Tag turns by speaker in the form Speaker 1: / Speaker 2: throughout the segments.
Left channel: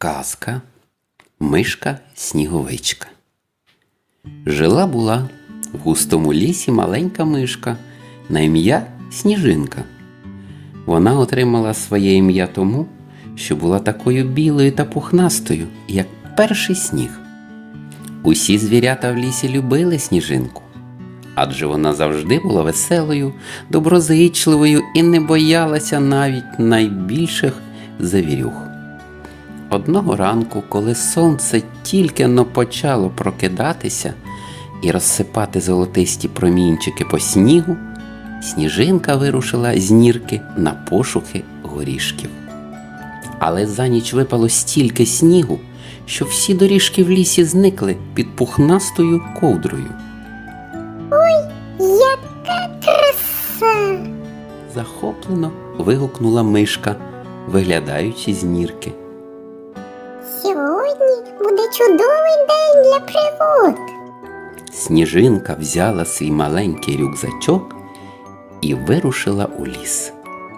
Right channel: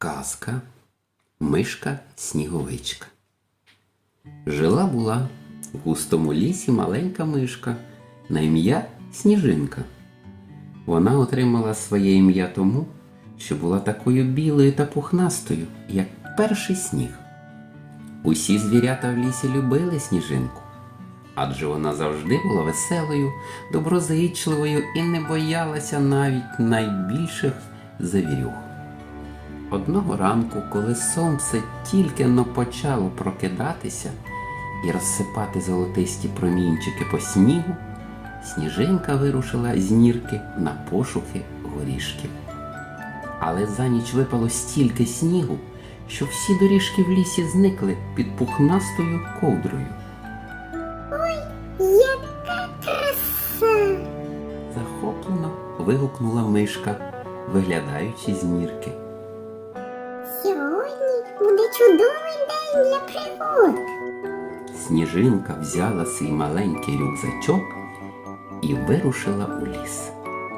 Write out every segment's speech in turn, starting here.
Speaker 1: Казка Мишка-Сніговичка. Жила-була в густому лісі маленька мишка на ім'я Сніжинка. Вона отримала своє ім'я тому, що була такою білою та пухнастою, як перший сніг. Усі звірята в лісі любили Сніжинку, адже вона завжди була веселою, доброзичливою і не боялася навіть найбільших завірюх. Одного ранку, коли сонце тільки-но почало прокидатися і розсипати золотисті промінчики по снігу, Сніжинка вирушила з нірки на пошуки горішків. Але за ніч випало стільки снігу, що всі доріжки в лісі зникли під пухнастою ковдрою.
Speaker 2: Ой, яка краса!
Speaker 1: Захоплено вигукнула мишка, виглядаючи з нірки.
Speaker 2: Сьогодні буде чудовий день для пригод.
Speaker 1: Сніжинка взяла свій маленький рюкзачок і вирушила у ліс.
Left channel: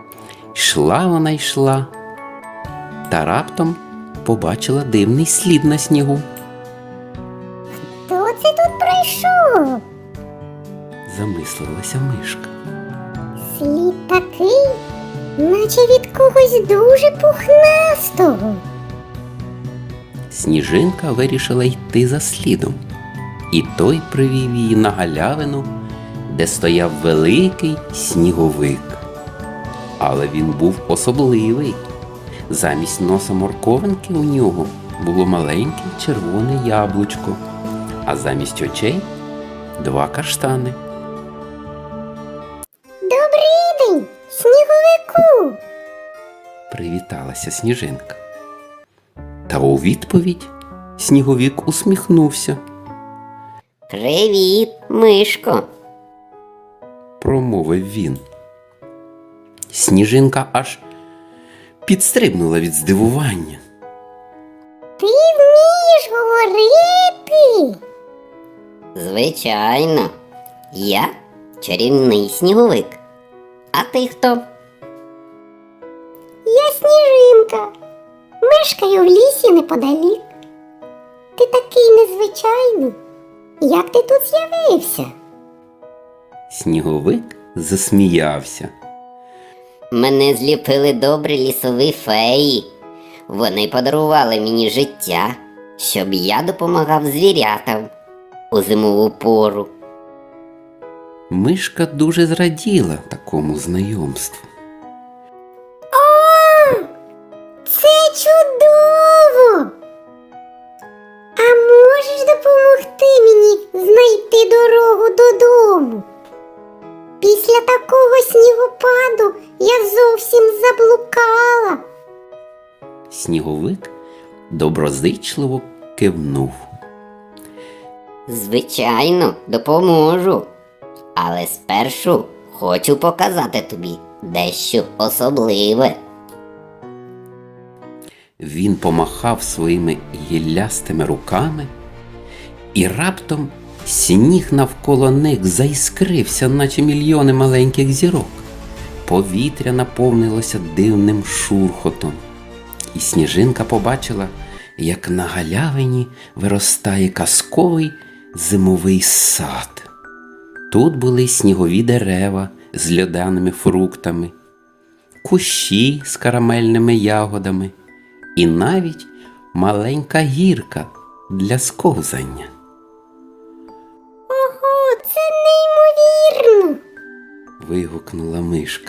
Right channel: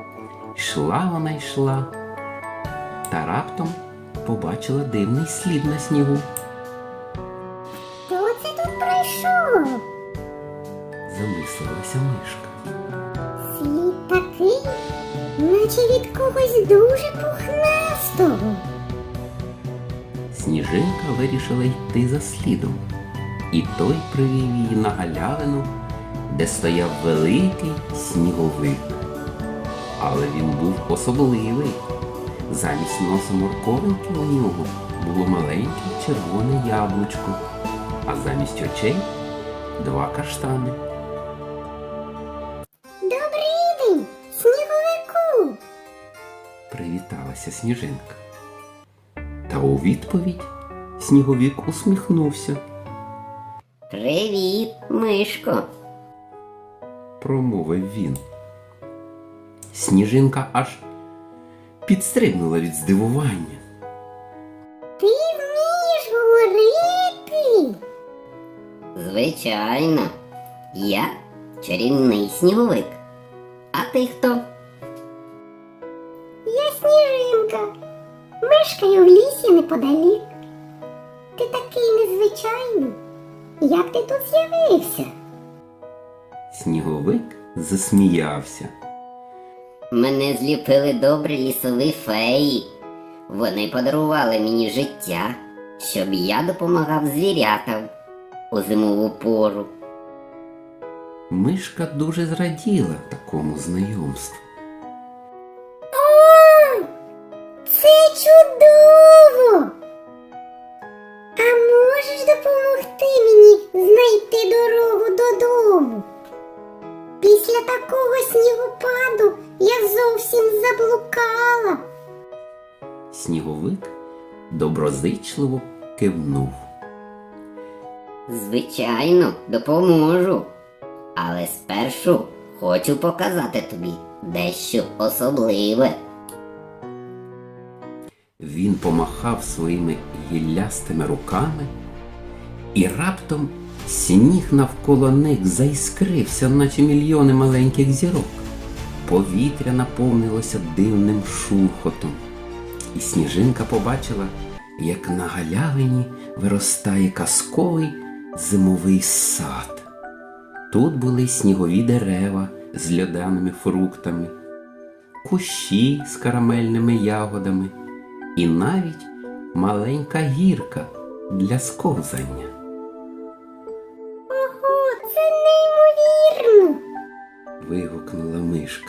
Speaker 1: Йшла, та раптом побачила дивний слід на снігу.
Speaker 2: Хто це тут прийшов?
Speaker 1: Замислилася мишка.
Speaker 2: Слід такий, наче від когось дуже пухнастого.
Speaker 1: Сніжинка вирішила йти за слідом, і той привів її на галявину, де стояв великий сніговик. Але він був особливий. Замість носа морковинки у нього було маленьке червоне яблучко, а замість очей – 2 каштани.
Speaker 2: Добрий день, сніговику!
Speaker 1: Привіталася Сніжинка. Та у відповідь Сніговик усміхнувся.
Speaker 3: Привіт, мишко.
Speaker 1: Промовив він. Сніжинка аж підстрибнула від здивування.
Speaker 2: Ти вмієш говорити?
Speaker 3: Звичайно, я чарівний сніговик. А ти хто?
Speaker 2: Я Сніжинка. Мешкаю в лісі неподалік. Ти такий незвичайний. Як ти тут з'явився?
Speaker 1: Сніговик засміявся.
Speaker 3: Мене зліпили добрі лісові феї. Вони подарували мені життя, щоб я допомагав звірятам у зимову пору.
Speaker 1: Мишка дуже зраділа такому знайомству.
Speaker 2: О, це чудово! А можеш допомогти мені знайти дорогу додому? Після такого снігопаду я зовсім заблукала.
Speaker 1: Сніговик доброзичливо кивнув.
Speaker 3: Звичайно, допоможу. Але спершу хочу показати тобі дещо особливе.
Speaker 1: Він помахав своїми гіллястими руками, і раптом сніг навколо них заіскрився, наче мільйони маленьких зірок. Повітря наповнилося дивним шурхотом, і Сніжинка побачила, як на галявині виростає казковий зимовий сад. Тут були снігові дерева з льодяними фруктами, кущі з карамельними ягодами і навіть маленька гірка для сковзання.
Speaker 2: Ого, це неймовірно!
Speaker 1: Вигукнула мишка.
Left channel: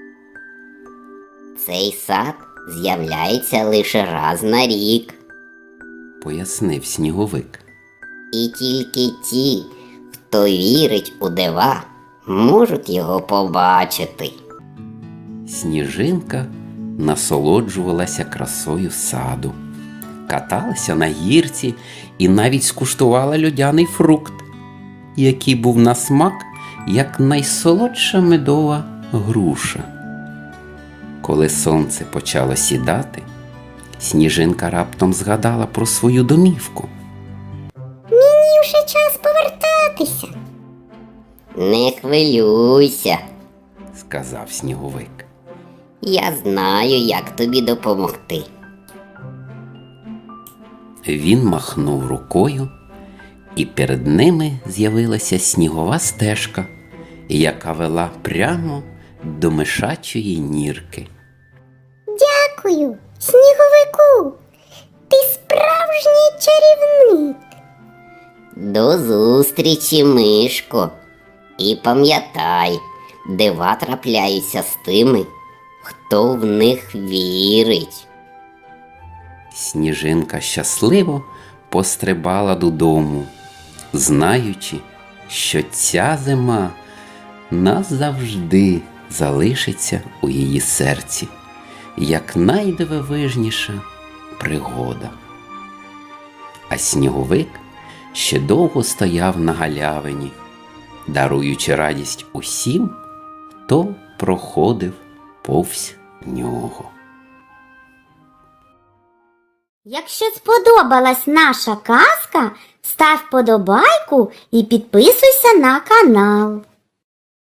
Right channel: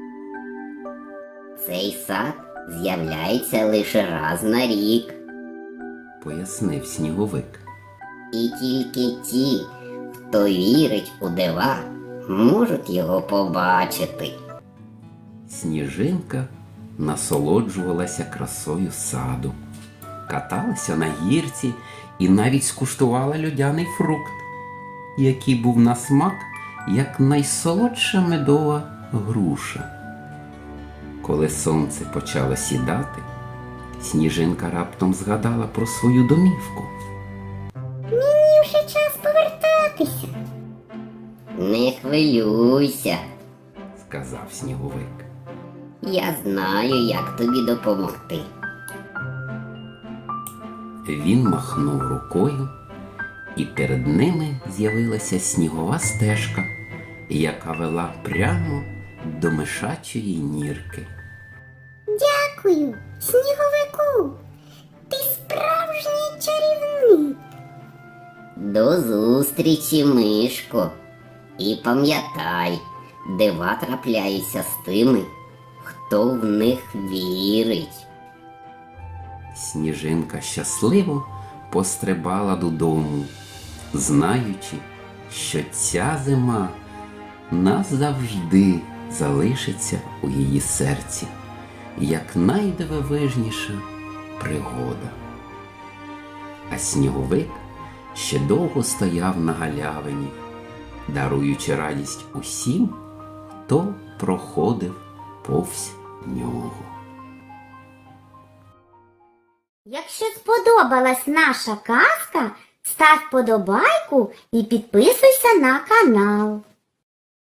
Speaker 3: Цей сад з'являється лише раз на рік.
Speaker 1: Пояснив Сніговик.
Speaker 3: І тільки ті, хто вірить у дива, можуть його побачити.
Speaker 1: Сніжинка насолоджувалася красою саду, каталася на гірці і навіть скуштувала льодяний фрукт, який був на смак, як найсолодша медова груша. Коли сонце почало сідати, Сніжинка раптом згадала про свою домівку.
Speaker 2: Мені вже час повертатися.
Speaker 3: Не хвилюйся,
Speaker 1: сказав Сніговик.
Speaker 3: я знаю, як тобі допомогти.
Speaker 1: Він махнув рукою, і перед ними з'явилася снігова стежка, яка вела прямо до мишачої нірки.
Speaker 2: Дякую, сніговику. Ти справжній чарівник.
Speaker 3: До зустрічі, мишко. І пам'ятай, дива трапляються з тими, хто в них вірить.
Speaker 1: Сніжинка щасливо пострибала додому, знаючи, що ця зима назавжди залишиться у її серці, як найдивовижніша пригода. А сніговик ще довго стояв на галявині, даруючи радість усім, хто проходив повз нього.
Speaker 2: Якщо сподобалась наша казка, став подобайку і підписуйся на канал.